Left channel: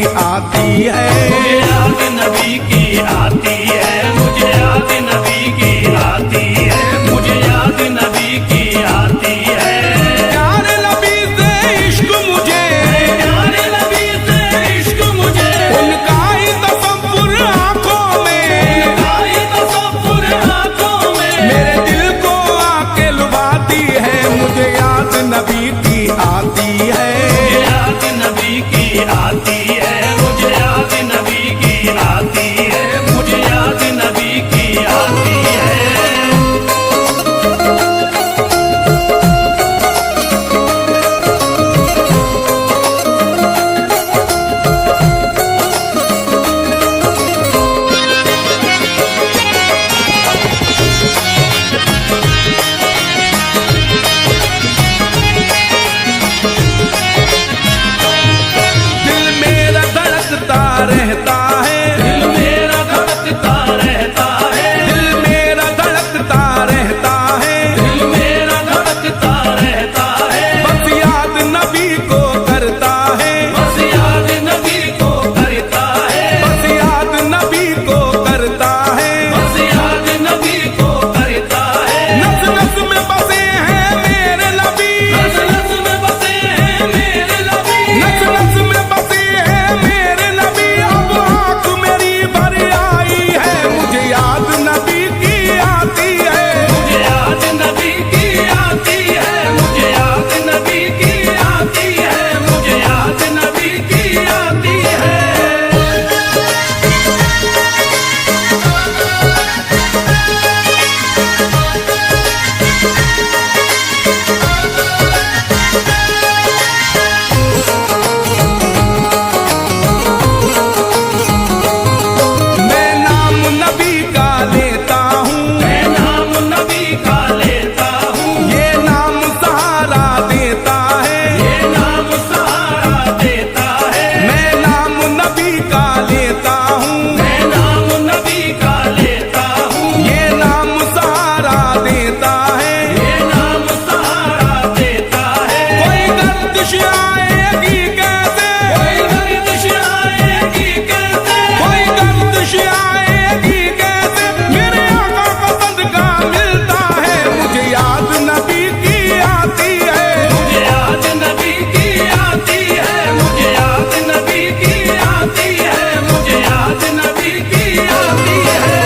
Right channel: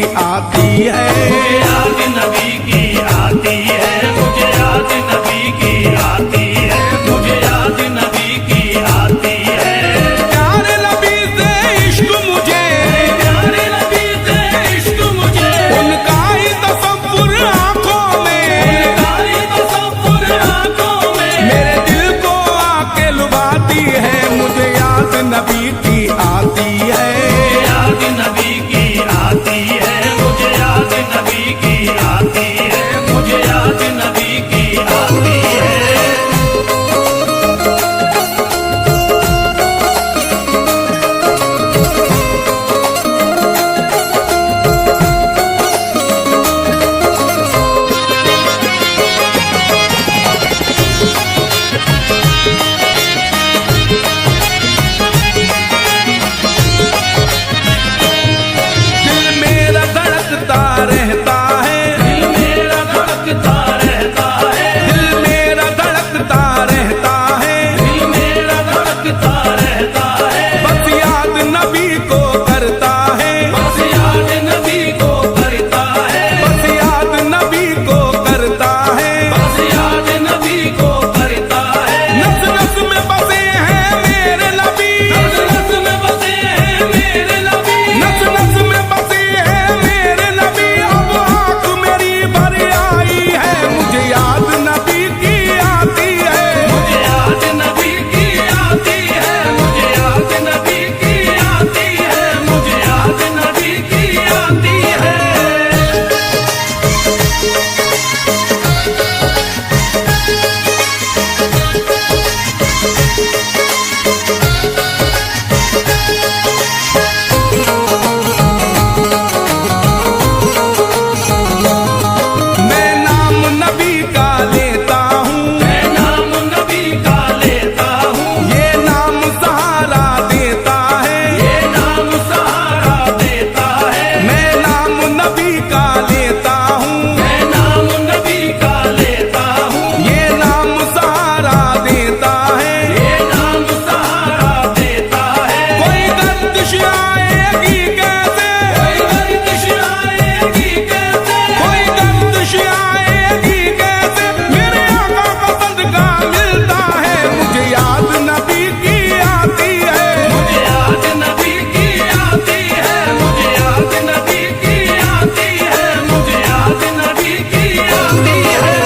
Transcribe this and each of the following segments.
की आती है। मुझे याद नबी की आती है, मुझे याद नबी की आती है, मुझे याद नबी की आती है। प्यारे नबी से इश्क मुझे, प्यारे नबी से इश्क मुझे, उनका ही तसव्वुर आंखों में, उनका ही तसव्वुर आंखों में मेरे दिल को आके लुभाती है। मुझे याद नबी की आती है। मुझे याद नबी की आती है, मुझे याद नबी की आती है, मुझे याद नबी की आती है। दिल मेरा धड़कता रहता है, दिल मेरा धड़कता रहता है, दिल मेरा धड़कता रहता है, दिल मेरा धड़कता रहता है। बस याद नबी को करता है, बस याद नबी को करता है, बस याद नबी को करता है। बस याद नबी को करता है। नस नस में बसे हैं मेरे नबी, नस नस में बसे हैं मेरे नबी, नस नस में बसे हैं मेरे नबी। अब आँख मेरी भर आई है, मुझे याद नबी की आती है। मुझे याद नबी की आती है, मुझे याद नबी की आती है, मुझे याद नबी की आती है। मैं नाम नबी का लेता हूँ, मैं नाम नबी का लेता हूँ, ये नाम सहारा देता है। ये नाम सहारा देता है। मैं नाम नबी का लेता हूँ, मैं नाम नबी का लेता हूँ, ये नाम सहारा देता है। ये नाम सहारा देता है। कोई गर्दिश आएगी कैसे, कोई गर्दिश आएगी कैसे, कोई गर्दिश आएगी कैसे, मेरे आका का सदका मिलता है। मुझे याद नबी की आती है। मुझे याद नबी की आती है, मुझे याद नबी की आती है, मुझे याद नबी की आती है।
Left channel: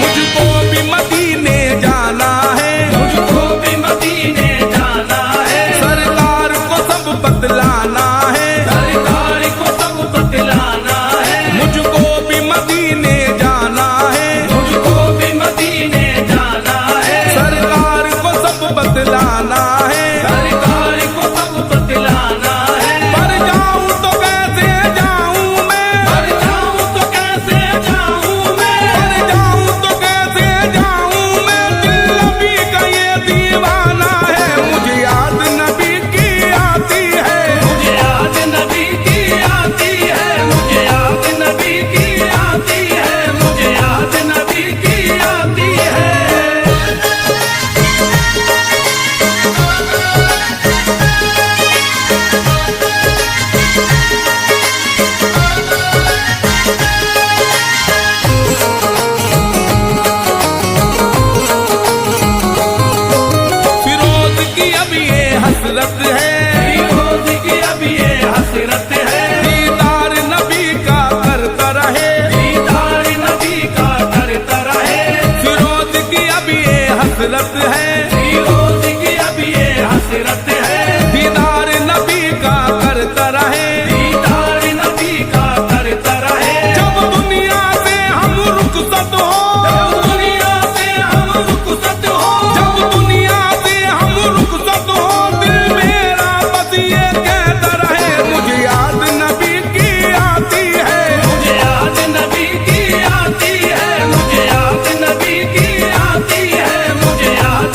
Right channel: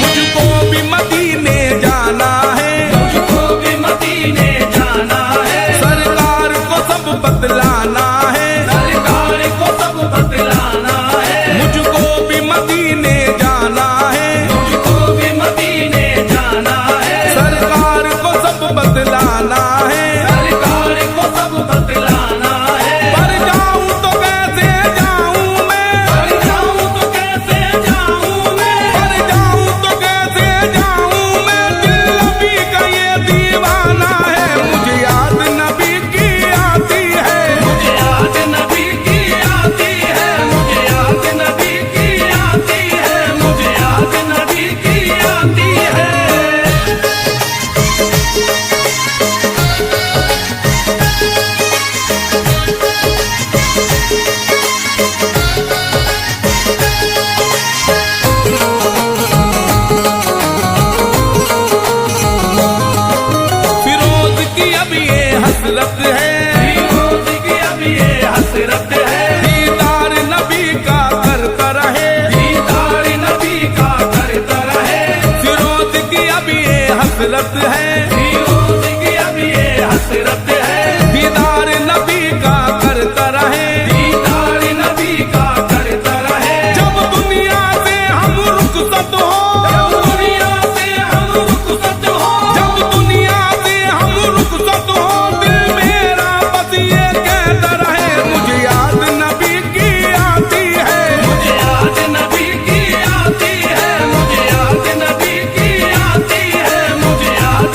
मुझको भी मदीने जाना है, मुझको भी मदीने जाना है, सरकार को सब बतलाना है। सरकार को सब बतलाना है। मुझको भी मदीने जाना है, मुझको भी मदीने जाना है, सरकार को सब बतलाना है। सरकार को सब बतलाना है। पर जाऊं तो कैसे जाऊं मैं, पर जाऊं तो कैसे जाऊं मैं, पर जाऊं तो कैसे जाऊं मैं, दिल नबी का ये दीवाना है। मुझे याद नबी की आती है। मुझे याद नबी की आती है, मुझे याद नबी की आती है, मुझे याद नबी की आती है। फिरोज की अब ये हसरत है, फिरोज की अब ये हसरत है, दीदार नबी का करता रहे। दीदार नबी का करता रहे। फिरोज की अब ये हसरत है, फिरोज की अब ये हसरत है, दीदार नबी का करता रहे। दीदार नबी का करता रहे। जब दुनिया से हम रुखसत हो, जब दुनिया से हम रुखसत हो, जब दुनिया से हम रुखसत हो, दिल मेरा बस ये कहता रहे। मुझे याद नबी की आती है। मुझे याद नबी की आती है, मुझे याद नबी की आती है, मुझे याद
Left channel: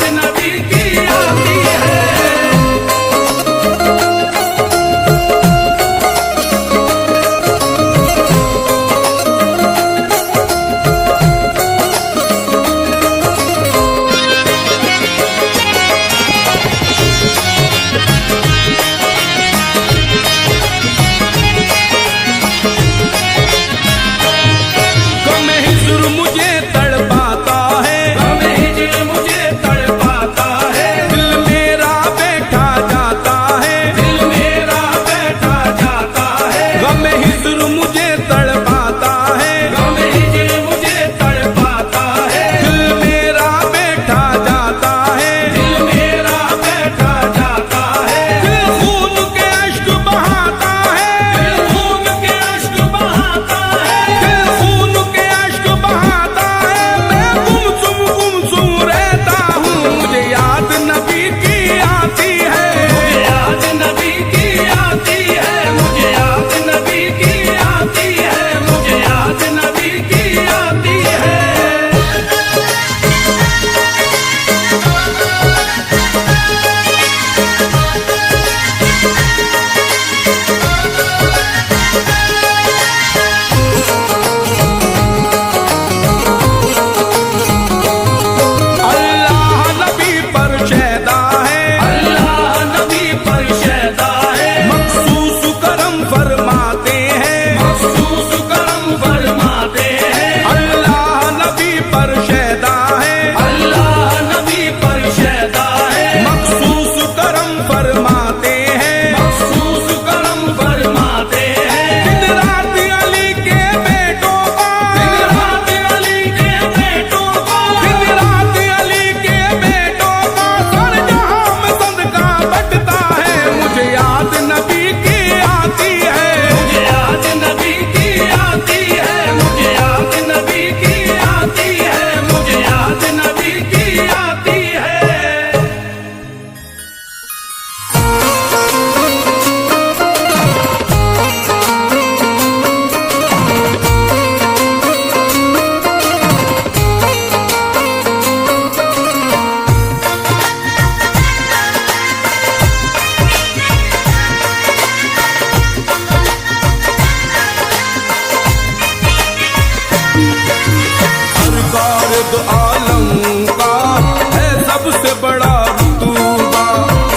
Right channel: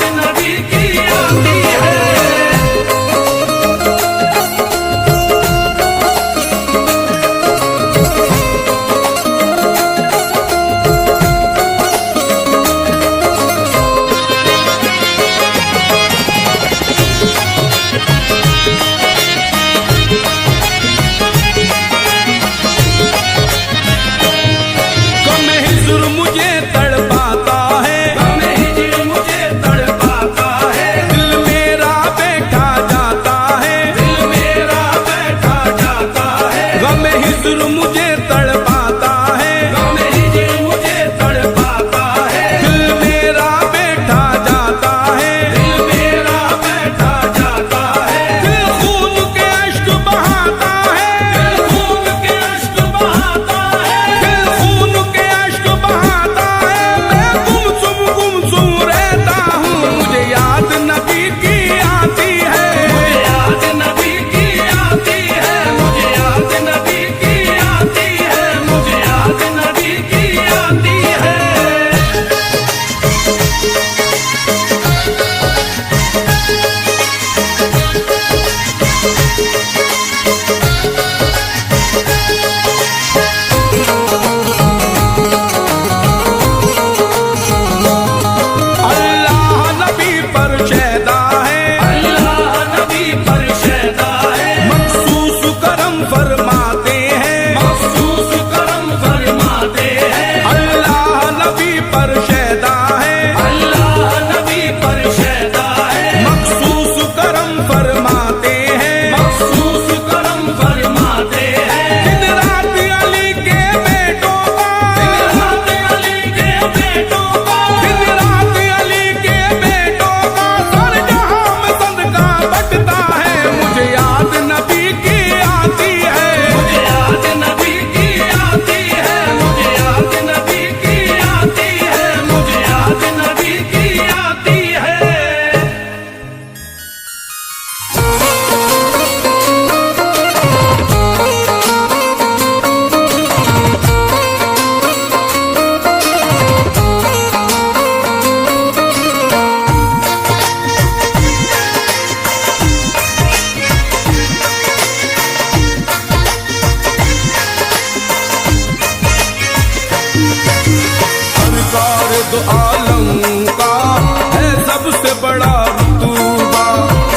सबसे बड़ा रुतबा।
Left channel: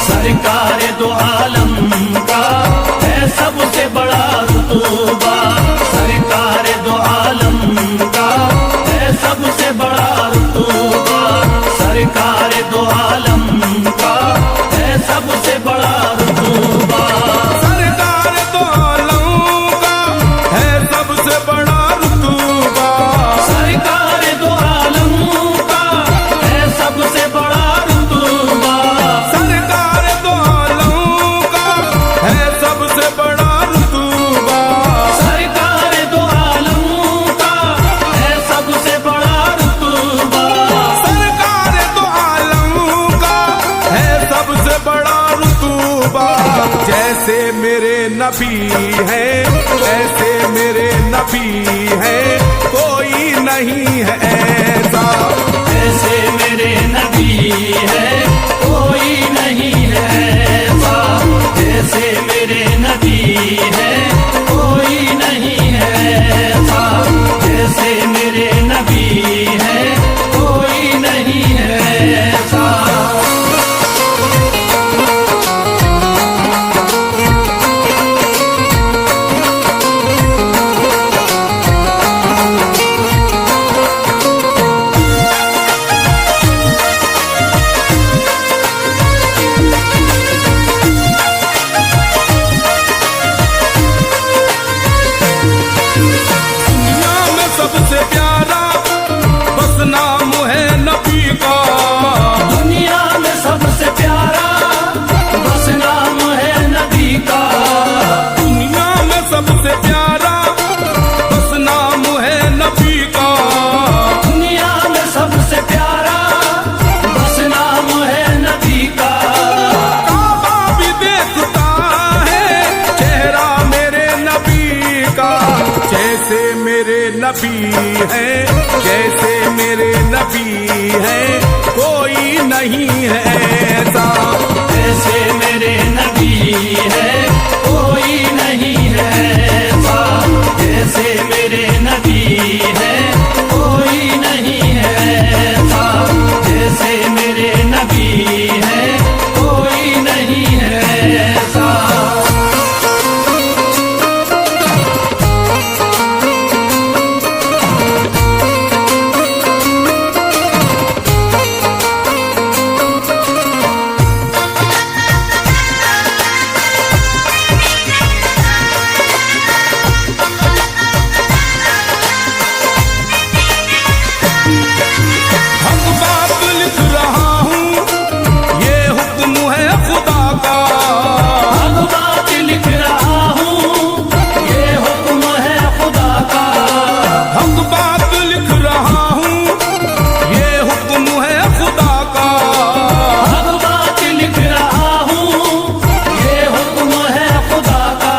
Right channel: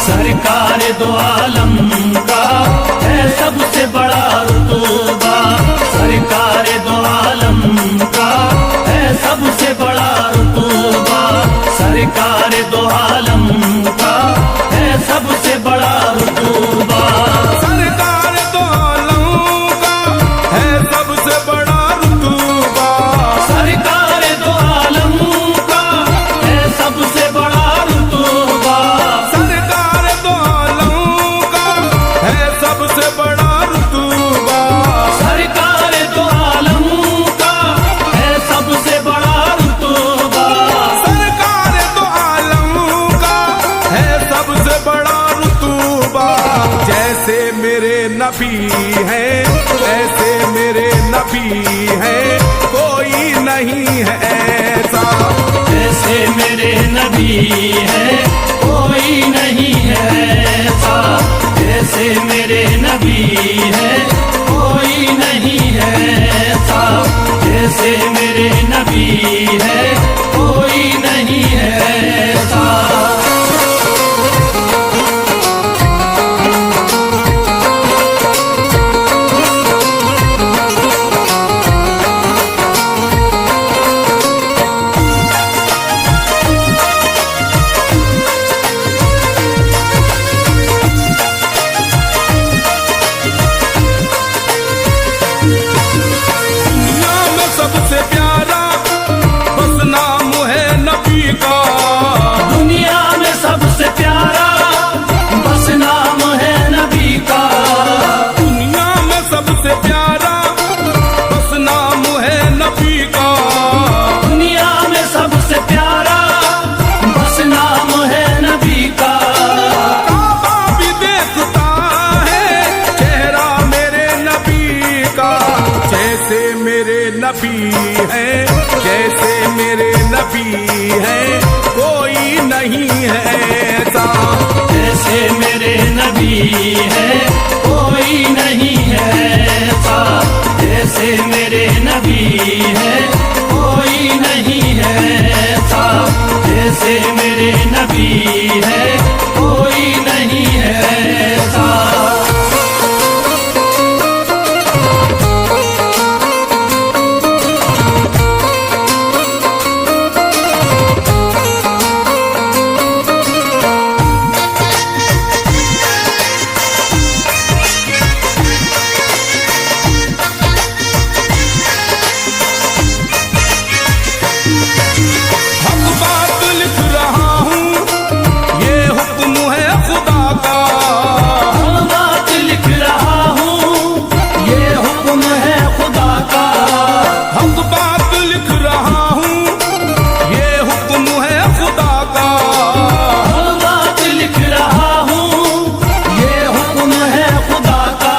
सरकार दो आलम का है सबसे बड़ा रुतबा। सरकार दो आलम का है सबसे बड़ा रुतबा। सरकार दो आलम का है सबसे बड़ा रुतबा। सरकार दो आलम का है सबसे बड़ा रुतबा। सरकार दो आलम का है सबसे बड़ा रुतबा। सरकार दो आलम का है सबसे बड़ा रुतबा। सरकार दो आलम का है सबसे बड़ा रुतबा। सरकार दो आलम का है सबसे बड़ा रुतबा। जैसे मेरे नबी हैं ऐसे मेरे नबी हैं, कोई नहीं है ऐसा। ऐसे मेरे नबी है कोई नहीं है ऐसा। जैसे मेरे नबी है कोई नहीं है ऐसा। जैसे मेरे नबी है कोई नहीं है ऐसा। दुनिया में सबसे प्यारा बस नाम है नबी का। दुनिया में सबसे प्यारा बस नाम है नबी का। दुनिया में सबसे प्यारा बस नाम है नबी का। दुनिया में सबसे प्यारा बस नाम है नबी का। काबा भी देखता है चेहरा मेरे नबी का। जैसे मेरे नबी हैं जैसे मेरे नबी हैं, कोई नहीं है ऐसा। जैसे मेरे नबी है कोई नहीं है ऐसा। जैसे मेरे नबी है कोई नहीं है ऐसा। जैसे मेरे नबी है कोई नहीं है ऐसा। हक बात लिख रहा हूँ ये हुक्म है खुदा का। हक बात लिख रहा हूँ ये हुक्म है खुदा का। हक बात लिख रहा हूँ ये हुक्म है खुदा का। हक बात लिख रहा हूँ ये हुक्म है खुदा का।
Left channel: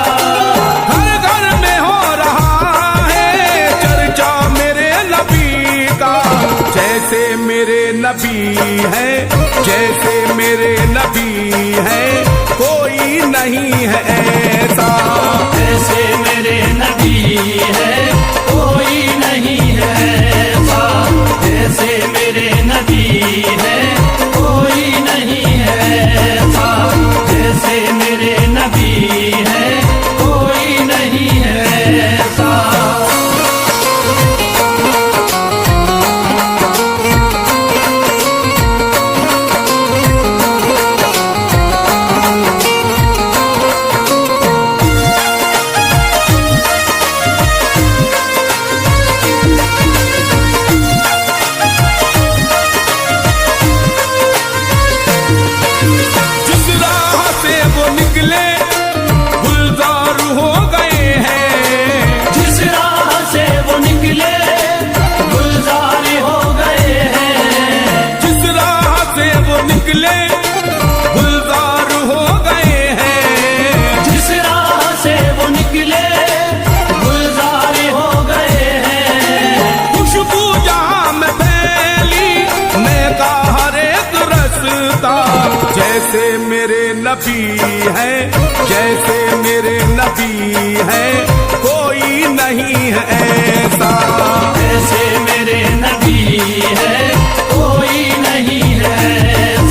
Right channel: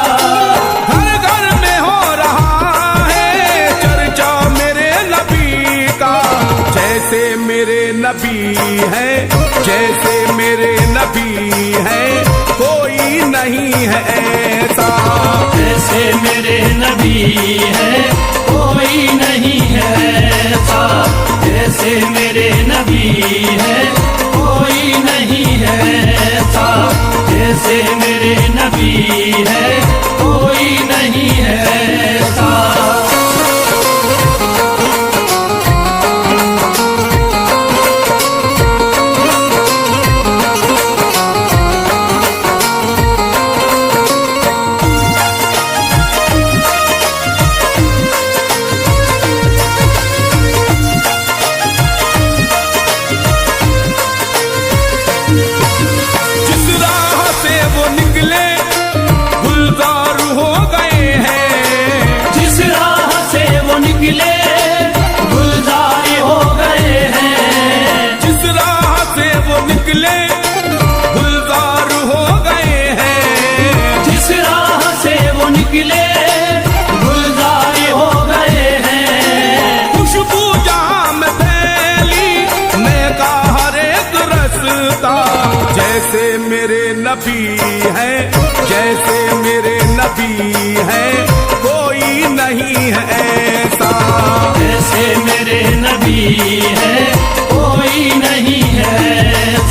घर घर में हो रहा है चर्चा मेरे नबी का। जैसे मेरे नबी हैं जैसे मेरे नबी हैं, कोई नहीं है ऐसा। जैसे मेरे नबी है कोई नहीं है ऐसा। जैसे मेरे नबी है कोई नहीं है ऐसा। जैसे मेरे नबी है कोई नहीं है ऐसा। जिस राह से वो निकले गुलजार हो गए हैं। जिस राह से वो निकले गुलजार हो गए हैं। जिस राह से वो निकले गुलजार हो गए हैं। जिस राह से वो निकले गुलजार हो गए हैं। खुशबू जहाँ में फैली मैं का हर एक रस्ता। जैसे मेरे नबी हैं जैसे मेरे नबी हैं, कोई नहीं है ऐसा। जैसे मेरे नबी है कोई नहीं है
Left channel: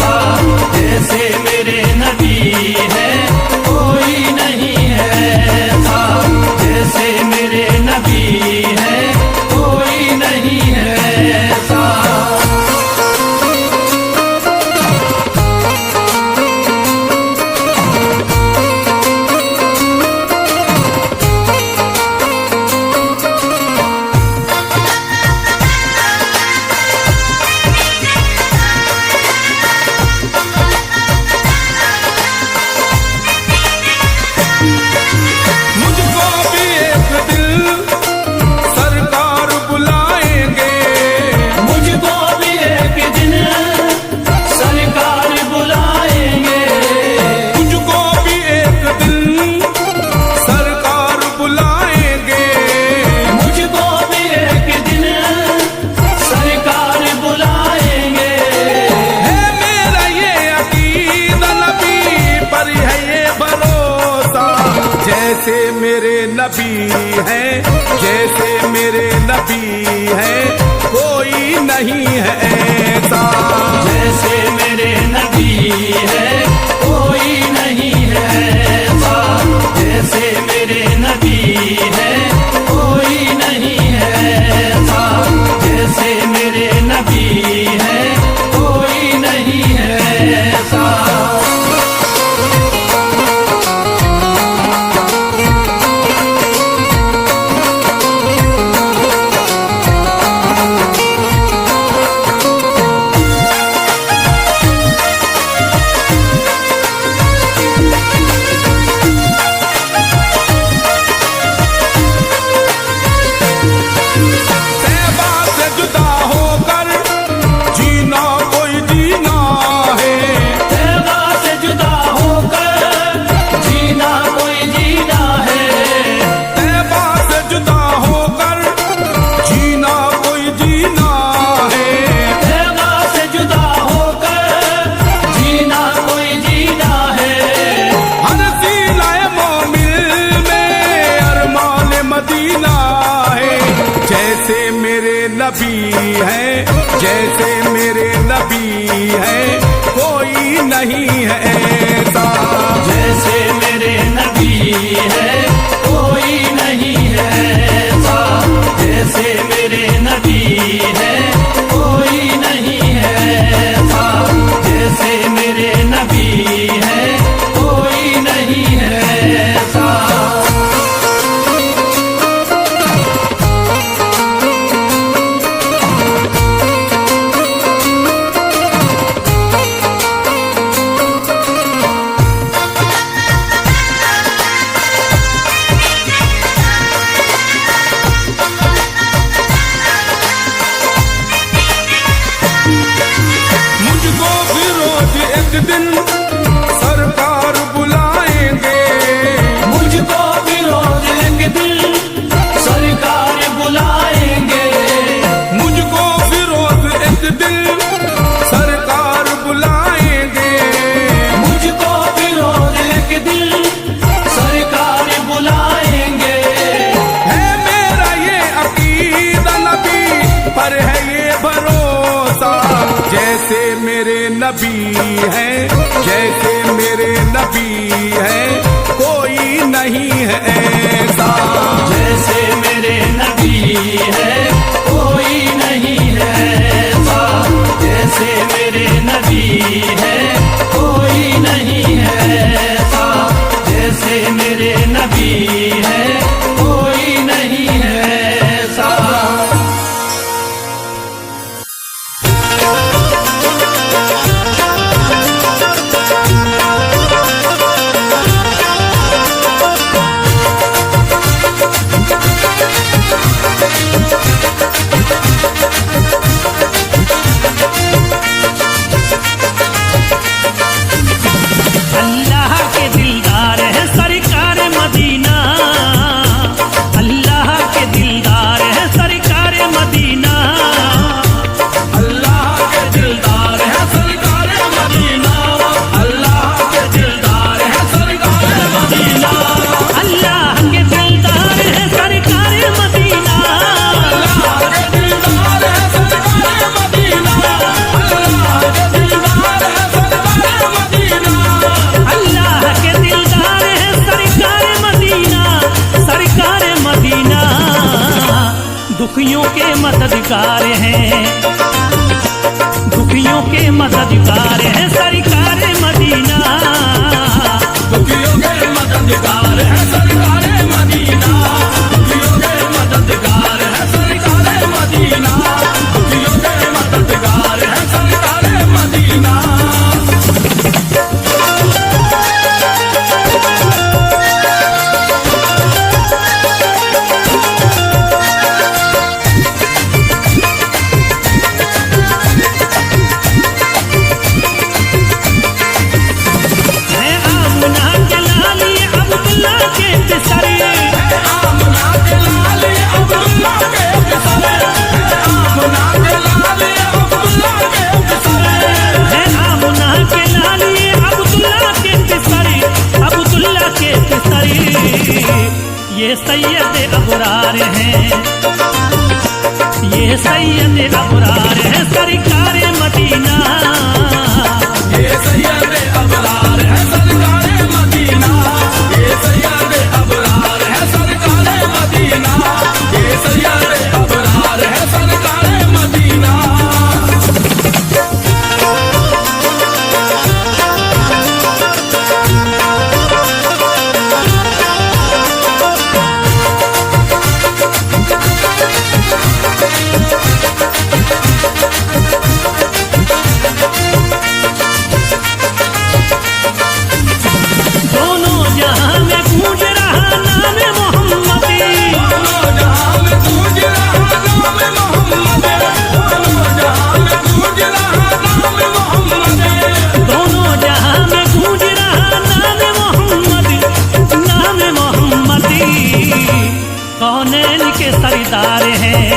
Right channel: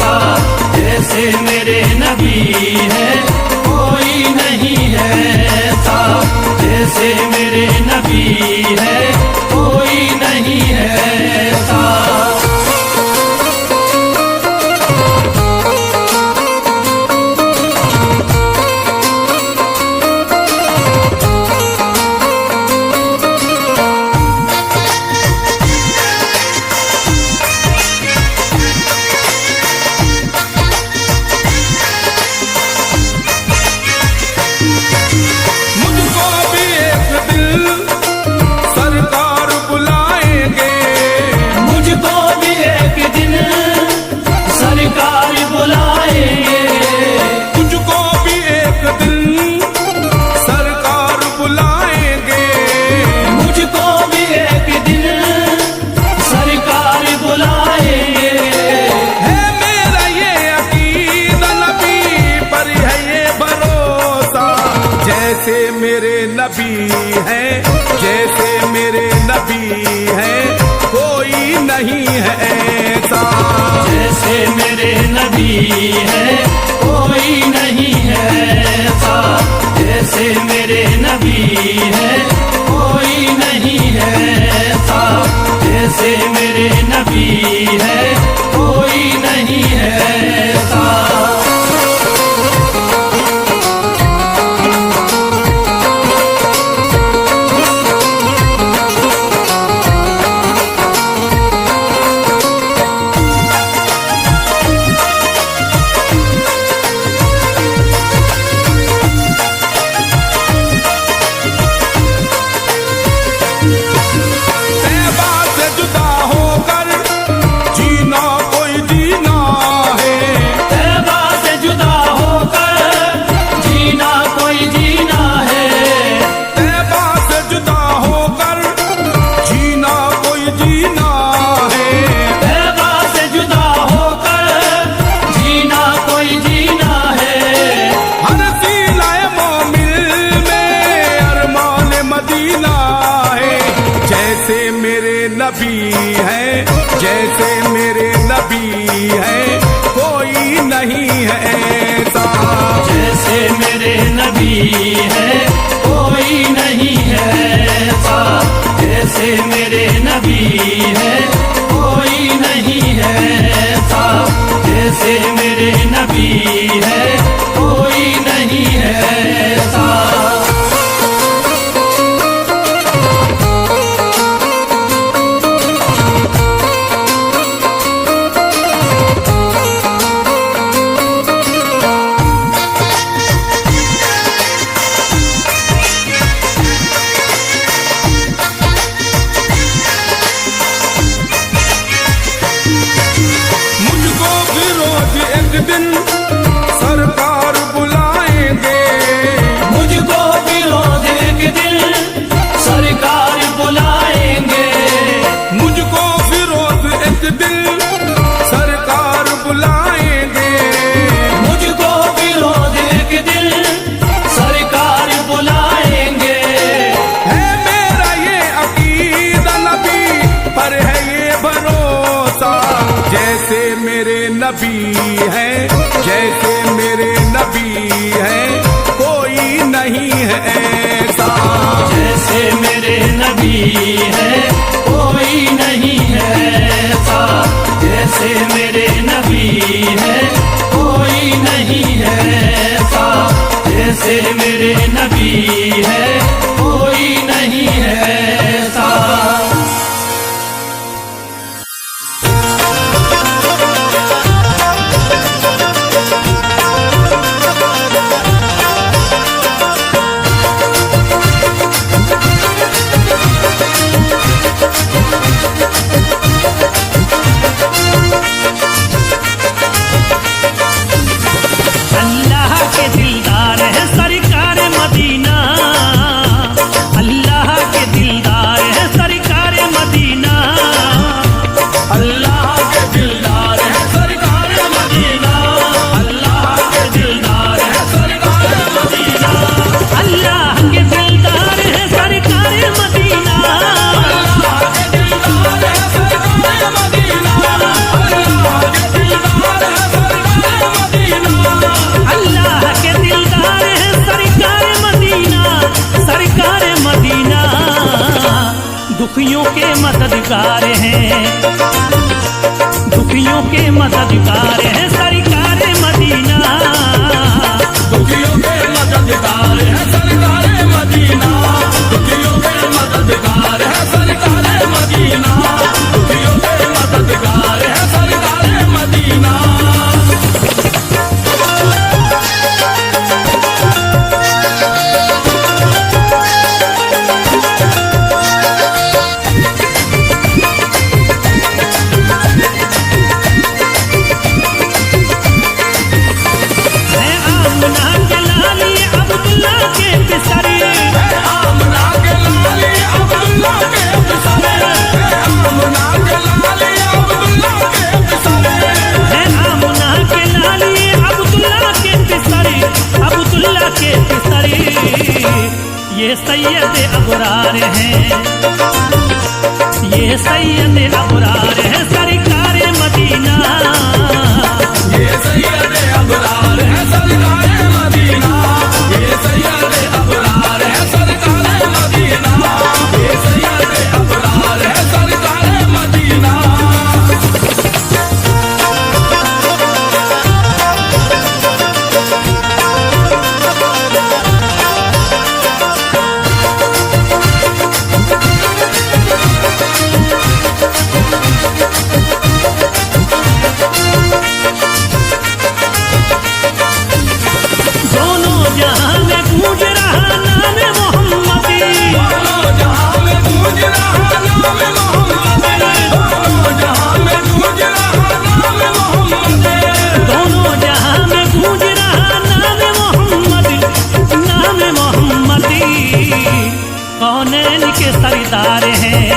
नबी हैं, जैसे मेरे नबी हैं, कोई नहीं है ऐसा। जैसे मेरे नबी है कोई नहीं है ऐसा, जैसे मेरे नबी है कोई नहीं है ऐसा, जैसे मेरे नबी है कोई नहीं है ऐसा। तैबा से जुदा होकर जीना कोई जीना है, तैबा से जुदा होकर जीना कोई जीना है, तैबा से जुदा होकर जीना कोई जीना है। तैबा से जुदा होकर जीना कोई जीना है। हर सीलाए मोमिन में अरमान मदीना है, जैसे मेरे नबी हैं, जैसे मेरे नबी हैं, कोई नहीं है ऐसा। जैसे मेरे नबी है कोई नहीं है ऐसा, जैसे मेरे नबी है कोई नहीं है ऐसा, जैसे मेरे नबी है कोई नहीं है ऐसा। मुझको फिरोज एक दिन सरकार बुलाएंगे, मुझको फिरोज एक दिन सरकार बुलाएंगे, मुझको फिरोज एक दिन सरकार बुलाएंगे। मुझको फिरोज एक दिन सरकार बुलाएंगे। है मेरा ये अकीदा नबी पर है ये भरोसा, जैसे मेरे नबी हैं, जैसे मेरे नबी हैं, कोई नहीं है ऐसा। जैसे मेरे नबी है कोई नहीं है ऐसा, जैसे मेरे नबी है कोई नहीं है ऐसा, जैसे मेरे नबी है कोई नहीं है ऐसा। अल्लाह के दिलदार है सरकार मदीना, अल्लाह के दिलदार है सरकार मदीना, अल्लाह के दिलदार है सरकार मदीना, अल्लाह के दिलदार है सरकार मदीना, अल्लाह के दिलदार है सरकार मदीना, अल्लाह के दिलदार है सरकार मदीना, अल्लाह के दिलदार है सरकार मदीना। अल्लाह के दिलदार है सरकार मदीना, सरकार मदीना। दुखियों के मददगार हैं, दुखियों के मददगार हैं सरकार मदीना, दुखियों के मददगार है सरकार मदीना, दुखियों के मददगार है सरकार मदीना, दुखियों के मददगार है सरकार मदीना। ये सैयद अबरार हैं, ये सैयद अबरार हैं सरकार मदीना। ये सैयद अबरार है सरकार मदीना, ये सैयद अबरार है सरकार मदीना, ये सैयद अबरार है सरकार मदीना। दोनों जहां में गूंज रहा नाम मोहम्मदी, दोनों जहां में गूंज रहा नाम मोहम्मद, दोनों जहां में गूंज रहा नाम मोहम्मद, दोनों जहां में गूंज रहा नाम मोहम्मद, नाम मोहम्मदी। कौनैन के सरदार हैं,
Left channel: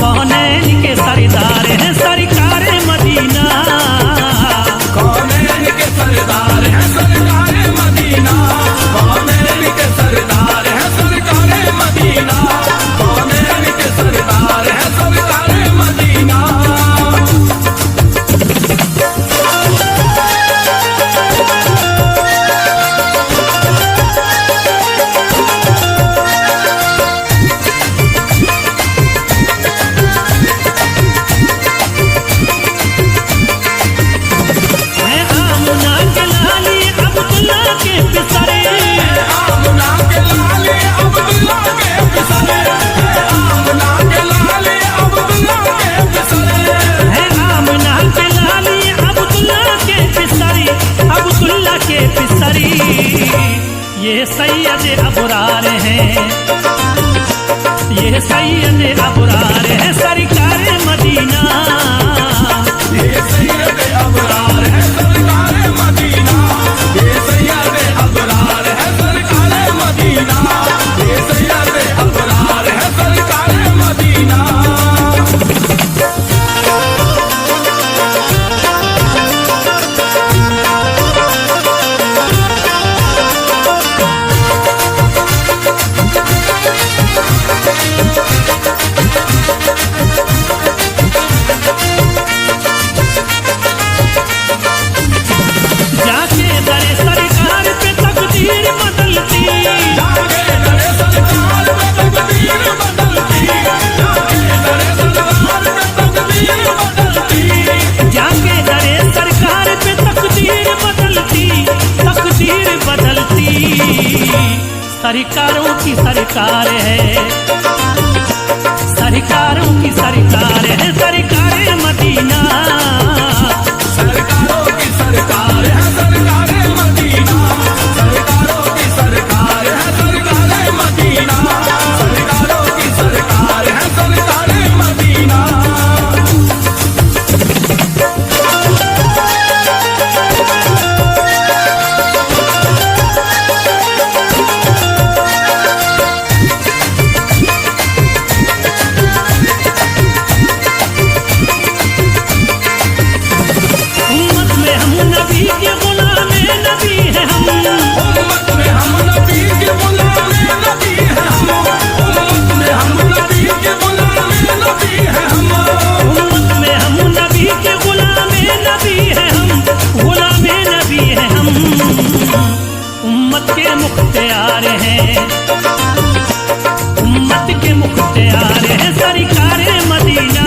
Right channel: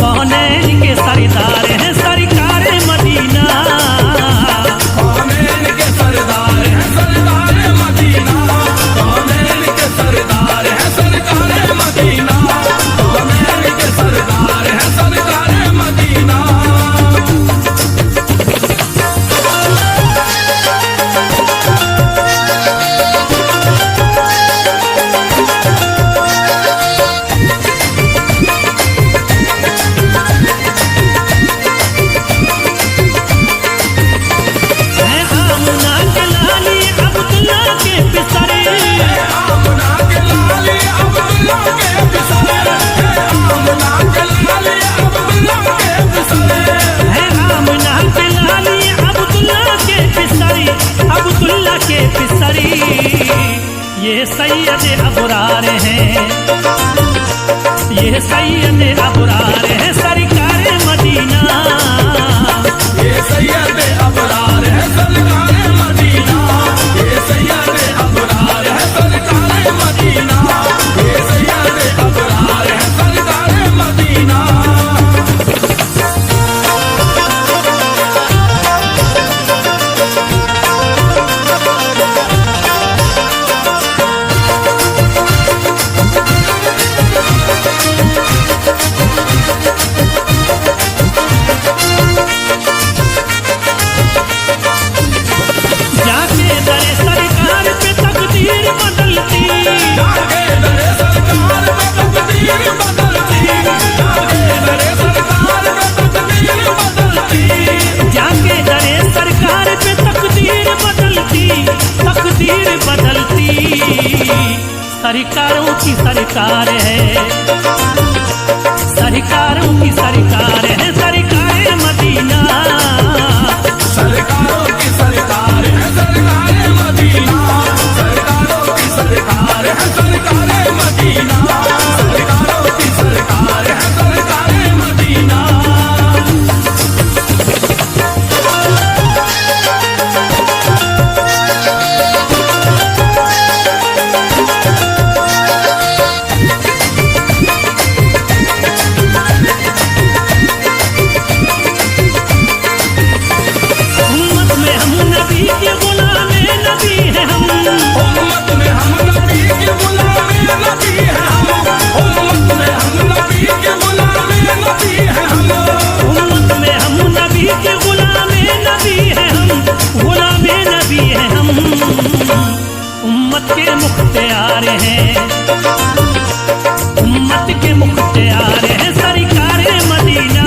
कौनैन के सरदार हैं सरकार मदीना। कौनैन के सरदार है सरकार मदीना, कौनैन के सरदार है सरकार मदीना, कौनैन के सरदार है सरकार मदीना। है आमुना के लाली अब्दुल्ला के पिसरे, आमना के लाले अब्दुल्ला के पिसरे, आमना के लाले अब्दुल्ला के पिसरे, है आमुना के लाली अब्दुल्ला के पिसरी, अब्दुल्ला के पिसरी। ये सैयद अबरार हैं, ये सैयद अबरार हैं सरकार मदीना। ये सैयद अबरार है सरकार मदीना, ये सैयद अबरार है सरकार मदीना, ये सैयद अबरार है सरकार मदीना। जाके दरे सरकार पे तकदीर बदलती, जाके दरे सरकार में तकदीर बदलती, जाके दरे सरकार में तकदीर बदलती, जाके दरे सरकार पे तकदीर बदलती, तकदीर बदलती। सरकारों की सरकार है, सरकारों की सरकार है सरकार मदीना। सरकारों की सरकार है सरकार मदीना, सरकारों की सरकार है सरकार मदीना, सरकारों की सरकार है सरकार मदीना। उम्मत में हम नबी के गुलाम नबी हैं हम, उम्मत में हम नबी के गुलाम नबी हैं हम, उम्मत में हम नबी के गुलाम नबी हैं हम, उम्मत में हम नबी के गुलाम नबी हैं हम, गुलाम नबी हैं हम। उम्मत के मुख्तियार हैं, उम्मत के मुख्तियार हैं सरकार मदीना।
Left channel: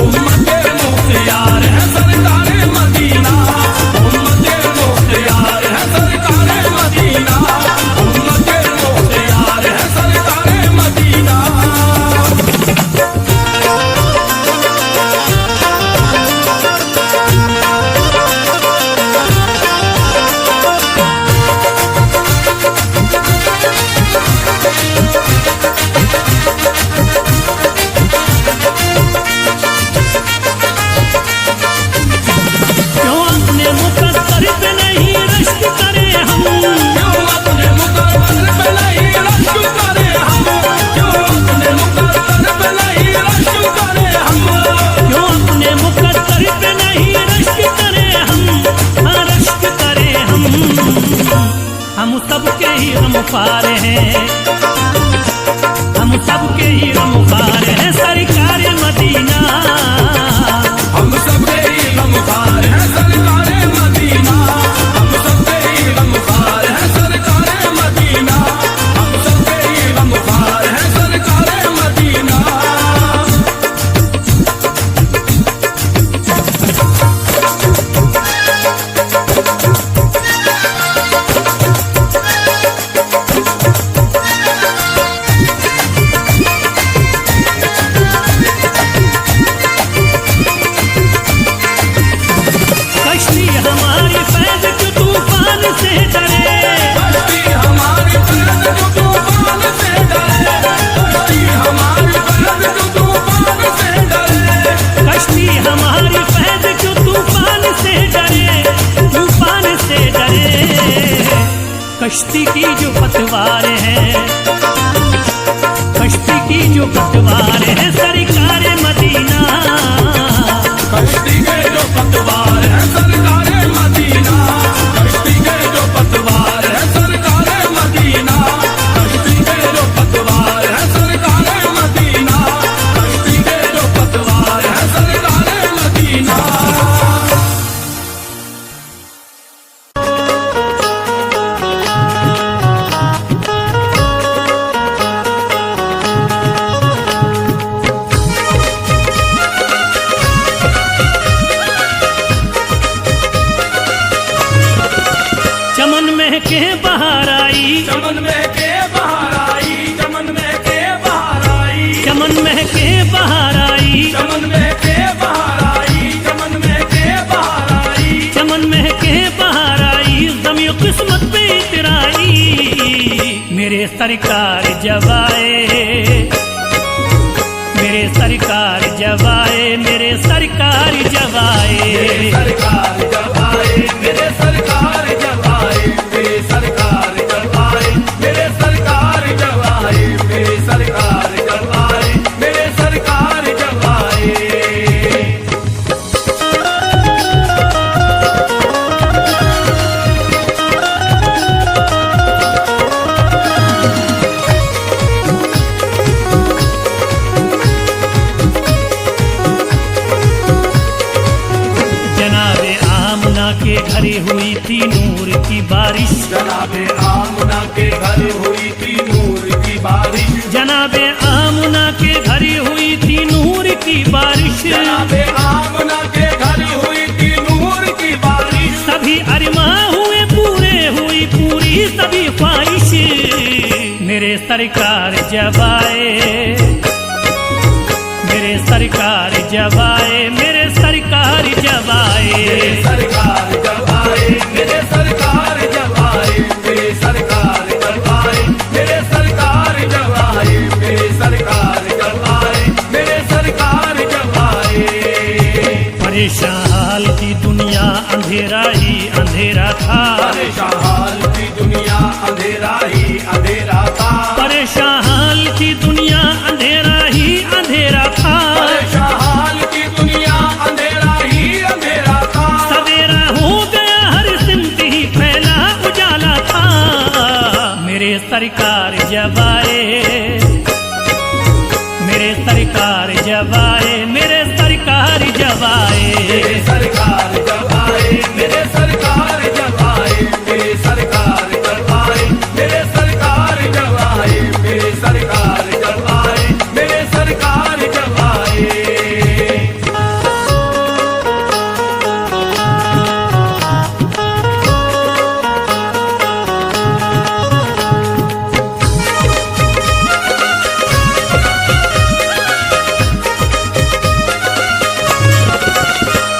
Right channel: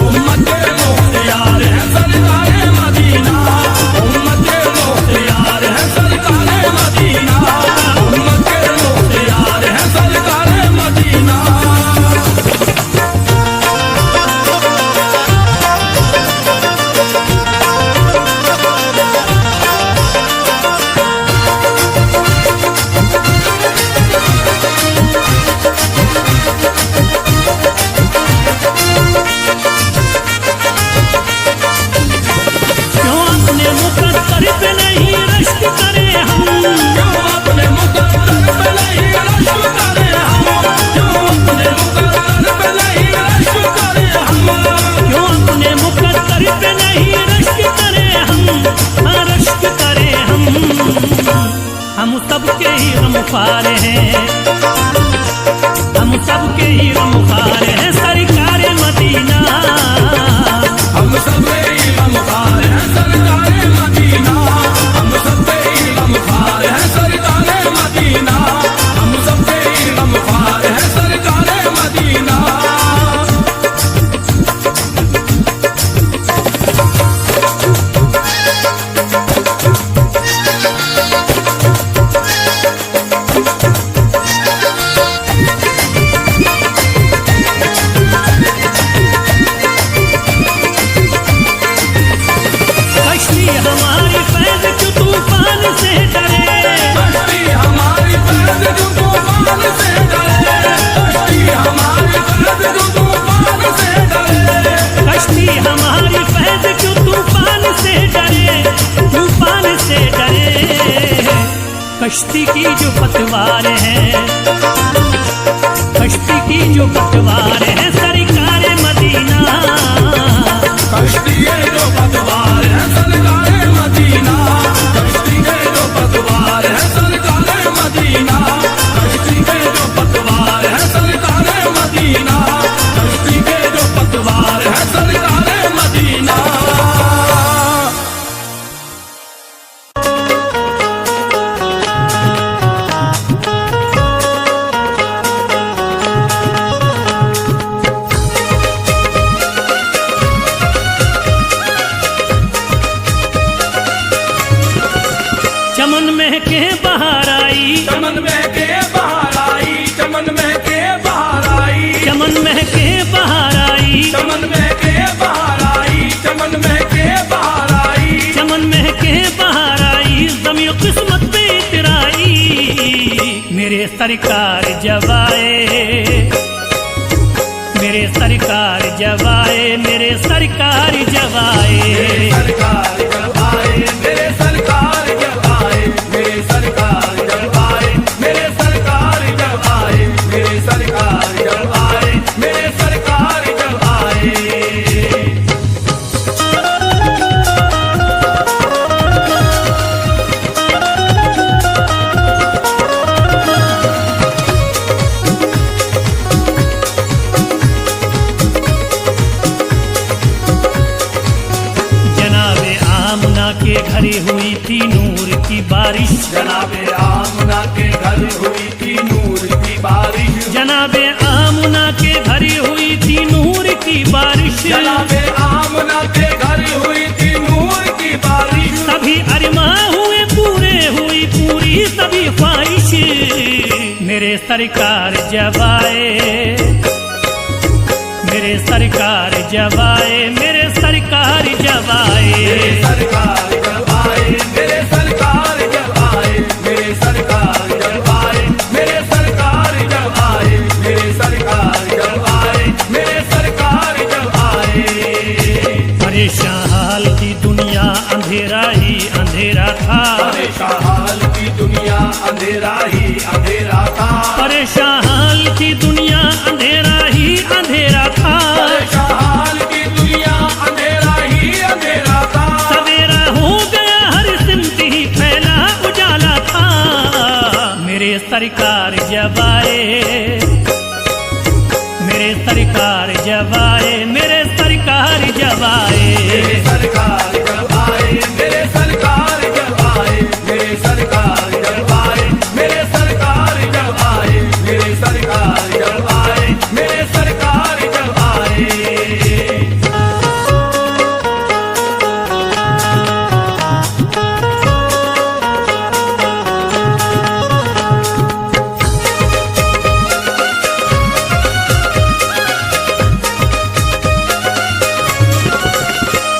उम्मत के मुख्तियार है सरकार मदीना, उम्मत के मुख्तियार है सरकार मदीना, उम्मत के मुख्तियार है सरकार मदीना। हम सबके ही गमख्वार हैं, हम सबके ही गमख्वार हैं सरकार मदीना। हम सबके ही गमख्वार हैं सरकार मदीना, हम सबके ही गमख्वार हैं सरकार मदीना, हम सबके ही गमख्वार हैं सरकार मदीना। कश्ती हमारी फैज़ जो तूफान से डरे, कश्ती हमारी फैज़ जो तूफान से डरे, कश्ती हमारी फैज़ जो तूफान से डरे, कश्ती हमारी फैज़ जो तूफान से डरे, तूफान से डरे। कश्ती की जो पतवार है, कश्ती की जो पतवार है सरकार मदीना। कश्ती के जो पतवार है सरकार मदीना, कश्ती के जो पतवार है सरकार मदीना, कश्ती के जो पतवार है सरकार मदीना, कश्ती के जो पतवार है सरकार मदीना। चमन महके बहार आई, चमन महके बहार आई, चमन महके बहार आई, चमन महके बहार आई, चमन महके बहार आई, चमन महके बहार आई, चमन महके बहार आई, ज़मीं किस्मत पे इतराई। मेरे सरकार जब आए, मेरे सरकार जब आए, मेरे सरकार जब आए। सरकार जब आए, मेरे सरकार जब आए, मेरे सरकार जब आए, मेरे सरकार जब आए, मेरे सरकार जब आए, मेरे सरकार जब आए। जनाबे आमना के घरे हुई थी नूर की बारिश, जनाबे आमना के घर हुई थी नूर की बारिश, जनाबे आमना के घरे हुई थी नूर की बारिश। जनाबे आमना के घर हुई थी नूर की बारिश, सभी अरमा हुए पूरे, हुई पूरी सभी ख्वाहिश। मेरे सरकार जब आए, मेरे सरकार जब आए, मेरे सरकार जब आए। सरकार जब आए, मेरे सरकार जब आए, मेरे सरकार जब आए, मेरे सरकार जब आए, मेरे सरकार जब आए, मेरे सरकार जब आए। परेशान हाल की दुनिया अंधेरा ही अंधेरा था, परेशान हाल की दुनिया अंधेरा ही अंधेरा था, परेशान हाल की दुनिया अंधेरा ही अंधेरा था। परेशान हाल की दुनिया अंधेरा ही अंधेरा था। सवेरा हो गया हर सिमत ही फैला उजाला था। मेरे सरकार जब आए, मेरे सरकार जब आए, मेरे सरकार जब आए। मेरे सरकार जब आए, मेरे सरकार जब आए, मेरे सरकार जब आए, मेरे सरकार जब आए, मेरे सरकार जब आए, मेरे सरकार जब आए।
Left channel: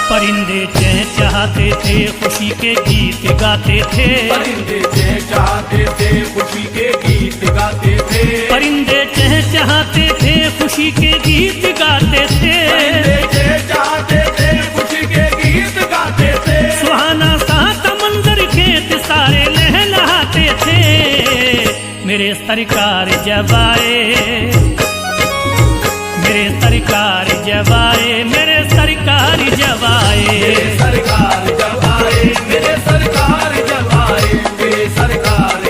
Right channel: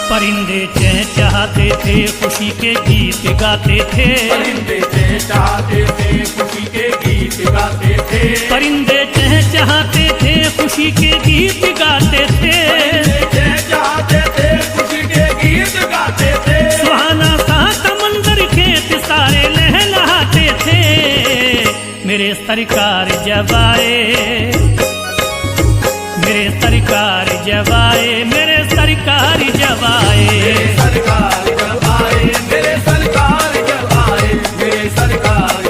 परिंदे चहचहाते थे, खुशी के गीत गाते थे। परिंदे चहचहाते थे, खुशी के गीत गाते थे। परिंदे चहचहाते थे, खुशी के गीत गाते थे। परिंदे चहचहाते थे, खुशी के गीत गाते थे। सुहाना सा समंदर खेत सारे लहलहाते थे। मेरे सरकार जब आए, मेरे सरकार जब आए, मेरे सरकार जब आए। सरकार जब आए, मेरे सरकार जब आए, मेरे सरकार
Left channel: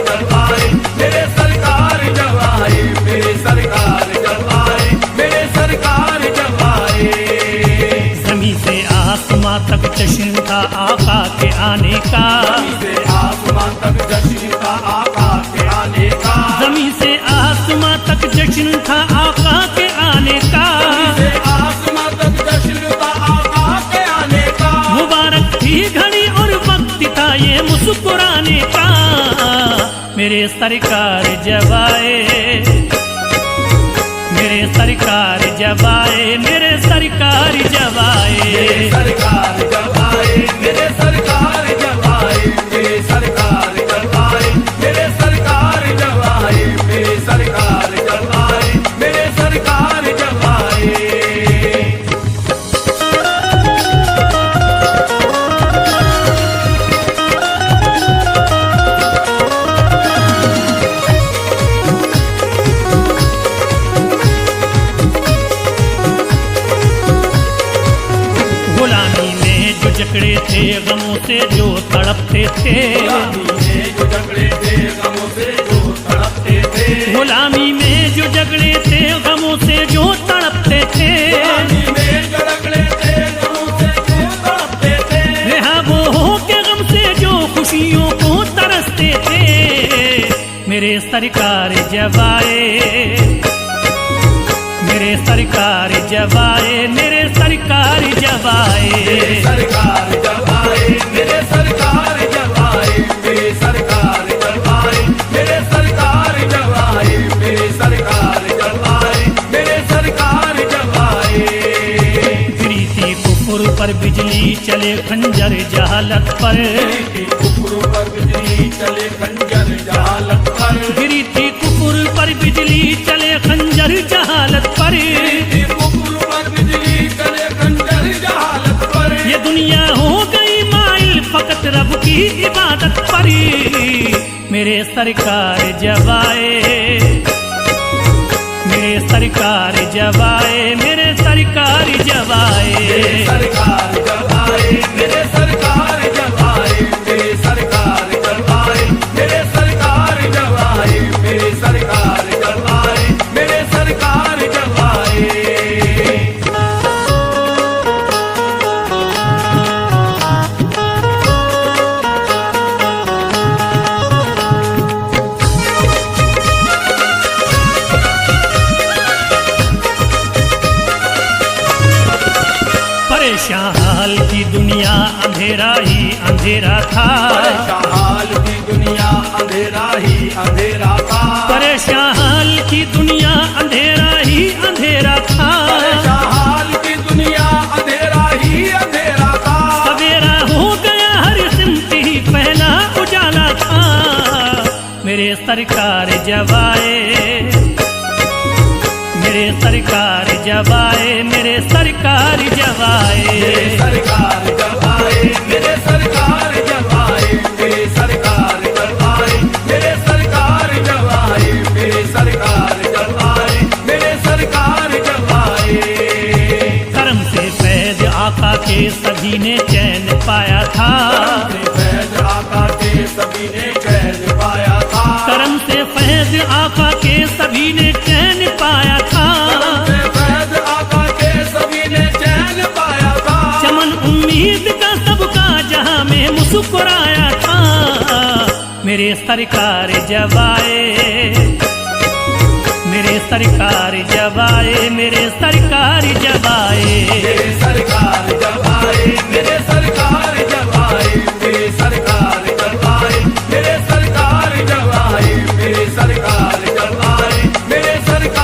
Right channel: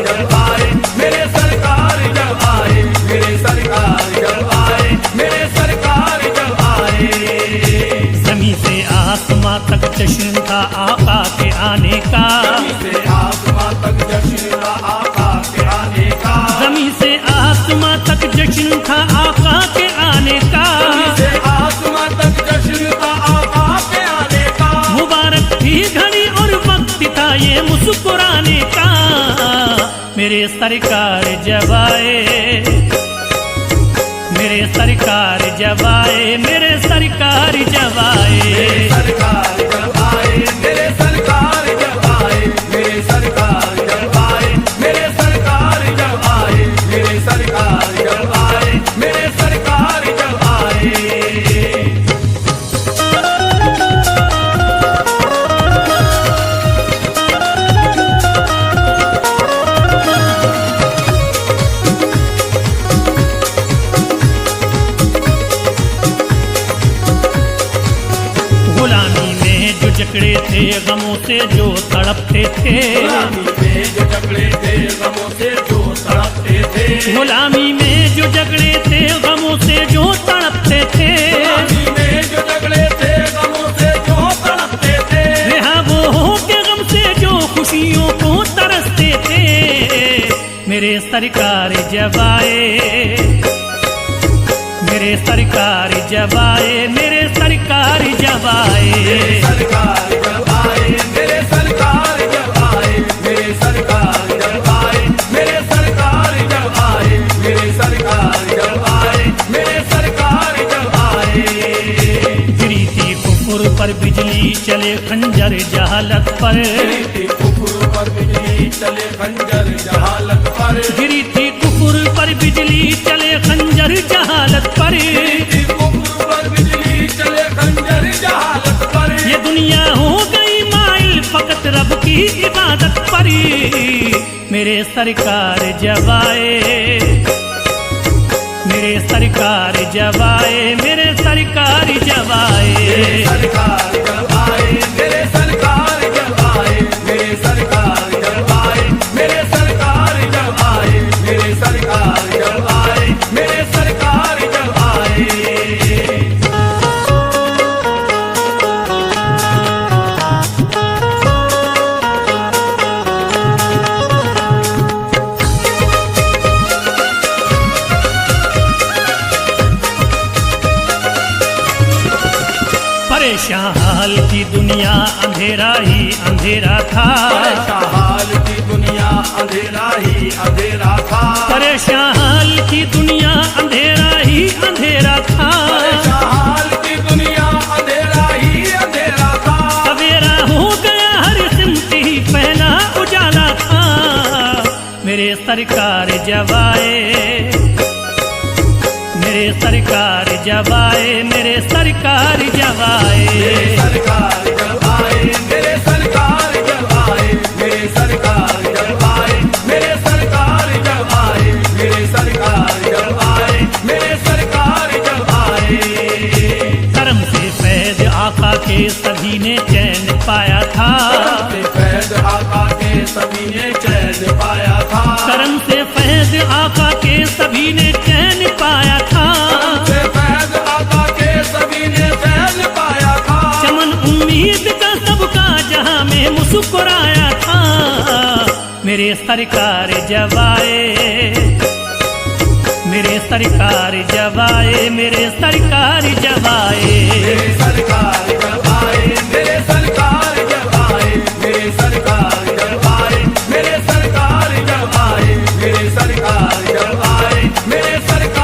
आसमां तक जश्न था आका के आने का, से आसमां तक जश्न था आका के आने का, जमीन से आसमां तक जश्न था आका के आने का, से आसमां तक जश्न था आका के आने का। मुबारक थी घड़ी और वक्त था ये मुस्कुराने का, मेरे सरकार जब आए, मेरे सरकार जब आए, मेरे सरकार जब आए, सरकार जब आए, मेरे सरकार जब आए, मेरे सरकार जब आए, मेरे सरकार जब आए, मेरे सरकार जब आए, मेरे सरकार जब आए। गुलामी में जो जकड़े थे गमों से जो तड़पते थे, जो झगड़े थे गमों से जो तड़पते थे, गुलामी में जो जकड़े थे गमों से जो तड़पते थे, में जो झगड़े थे गमों से जो तड़पते थे, रहा वो हो के गम से जो खुशियों को तरसते थे, मेरे सरकार जब आए, मेरे सरकार जब आए, मेरे सरकार जब आए, सरकार जब आए, मेरे सरकार जब आए, मेरे सरकार जब आए, मेरे सरकार जब आए, मेरे सरकार जब आए, मेरे सरकार जब आए। गिरी थी कुफर पर बिजली चले खंजर जहालत पर, कुफर पर बिजली चले खंजर जहालत पर, गिरी थी कुफर पर बिजली चले खंजर जहालत पर, कुफर पर बिजली चले खंजर जहालत पर। ये दुनिया हो गई माइल फकत रब की इबादत पर, मेरे सरकार जब आए, मेरे सरकार जब आए, मेरे सरकार जब आए, सरकार जब आए, मेरे सरकार जब आए, मेरे सरकार जब आए, मेरे सरकार जब आए, मेरे सरकार जब आए, मेरे सरकार जब आए। परेशान हाल की दुनिया अंधेरा ही अंधेरा था, हाल की दुनिया अंधेरा ही अंधेरा था, परेशान हाल की दुनिया अंधेरा ही अंधेरा था, हाल की दुनिया अंधेरा ही अंधेरा था। सवेरा हो गया हर सिमत ही पहला उजाला था, मेरे सरकार जब आए, मेरे सरकार जब आए, मेरे सरकार जब आए, सरकार जब आए, मेरे सरकार जब आए, मेरे सरकार जब आए, मेरे सरकार जब आए, मेरे सरकार जब आए, मेरे सरकार जब आए। करम से फैज आका के सभी ने चैन पाया था, फैज आका के सभी ने चैन पाया था, करम से फैज आका के सभी ने चैन पाया था, फैज आका के सभी ने चैन पाया था। चमन उम्मीद का सबका जहां में मुस्कुराया था, मेरे सरकार जब आए, मेरे सरकार जब आए, मेरे सरकार जब आए, मेरे सरकार जब आए, मेरे सरकार